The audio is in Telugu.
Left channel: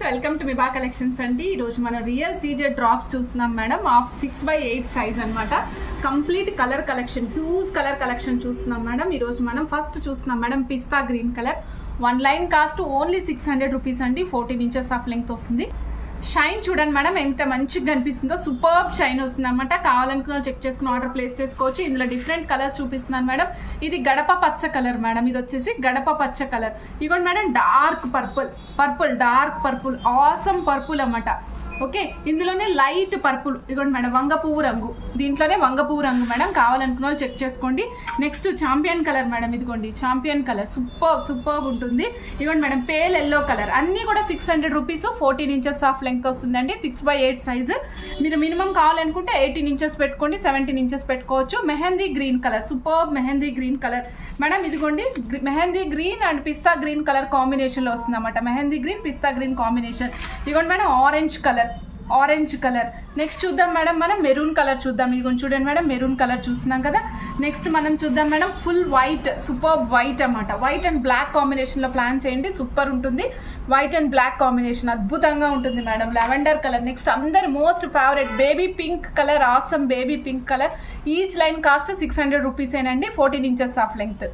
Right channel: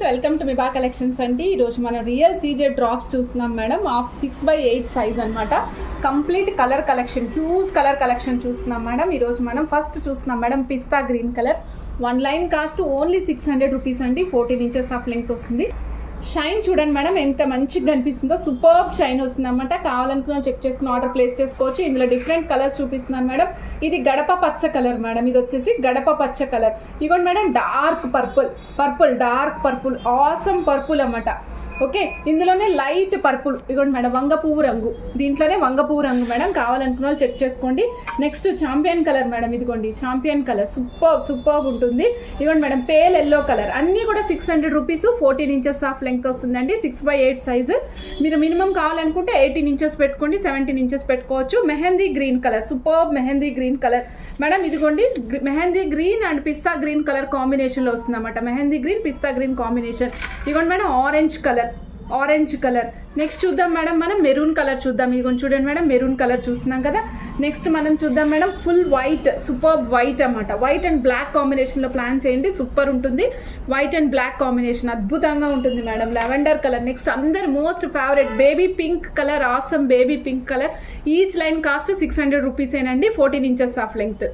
Friends, welcome to Miba collections అండి. ఈరోజు మనం రియల్ సీజెడ్ డ్రాప్స్ చూస్తున్నాం మేడం. ఆఫ్ 6/8 సైజ్ అనమాట. Complete colour collection, huge colour collection చూస్తున్నాం మేడం. ఈరోజు మనం ఫస్ట్ చూస్తున్నాం madam pista green colour. 1 line cost only 600 rupees అండి. 14 ఇంచెస్ ఆఫ్ లెంగ్త్ వస్తుంది. షైన్ చూడండి మేడం ఎంత మంచిగా కనిపిస్తుందో. సూపర్బ్ షైన్ వస్తుంది అనమాట. కావాలనుకున్న చెక్ చేసుకుని ఆర్డర్ ప్లేస్ చేసుకోవచ్చు. ఇందులో డిఫరెంట్ కలర్స్ చూపిస్తున్నాను మేడం. ఇది గడప పచ్చ కలర్ మేడం. ఇది వచ్చేసి గడప పచ్చ కలర్. ఇదిగోండి madam dark purple dark purple, awesome purple అన్నమాట. ఓకే, ఇందులోనే లైట్ పర్పుల్. ఇదిగోండి మేడం వంగ పువ్వు రంగు. దీంట్లోనే వంగ పువ్వు రంగు మేడం. కావాలనుకున్న వాళ్ళు చెక్ చేసుకోండి. Next champion colour madam. ఇదిగోండి చాంపియన్ కలర్ సూపర్ ఉంటుంది. ఇదిగోండి మేడం పేల్ ఎల్లో కలర్. అన్ని కూడా 600 రూపీస్. 14 ఇంచెస్ ఆఫ్ లెంగ్త్ వస్తుందండి. 6/8 సైజు. మీరు మినిమం కావాలనుకుంటే 18 ఇంచెస్ పెట్టుకోండి, 17 ఇంచెస్ పెట్టుకోవచ్చు. Mehndi green colour, super mehndi green colour madam. ఇదిగోండి mehndi green and pista green colour combination లో వస్తుంది అన్నమాట. Mehndi green pista green combination. ఇదిగోండి మేడం ఆరెంజ్ కలర్. నెక్స్ట్ చూద్దాం మేడం మనం మెరూన్ కలర్ చూద్దాం. ఇది చూడండి మేడం మెరూన్ కలర్ చూస్తున్నాం కదా. నెక్స్ట్ మనం చూద్దాం madam full white, super white అన్నమాట. వైట్ అండ్ బ్లాక్ కాంబినేషన్ లో ప్లాన్ చేయండి, సూపర్ ఉంటుంది. వైట్ అండ్ బ్లాక్ కాంబినేషన్ అద్భుతంగా ఉంటుంది మేడం. Lavender colour. నెక్స్ట్ అందరి most favourite baby pink colour. Awesome baby pink colour. Each line cost 600 rupees ఏనండి. 14 ఇంచెస్ ఆఫ్ లెంగ్త్.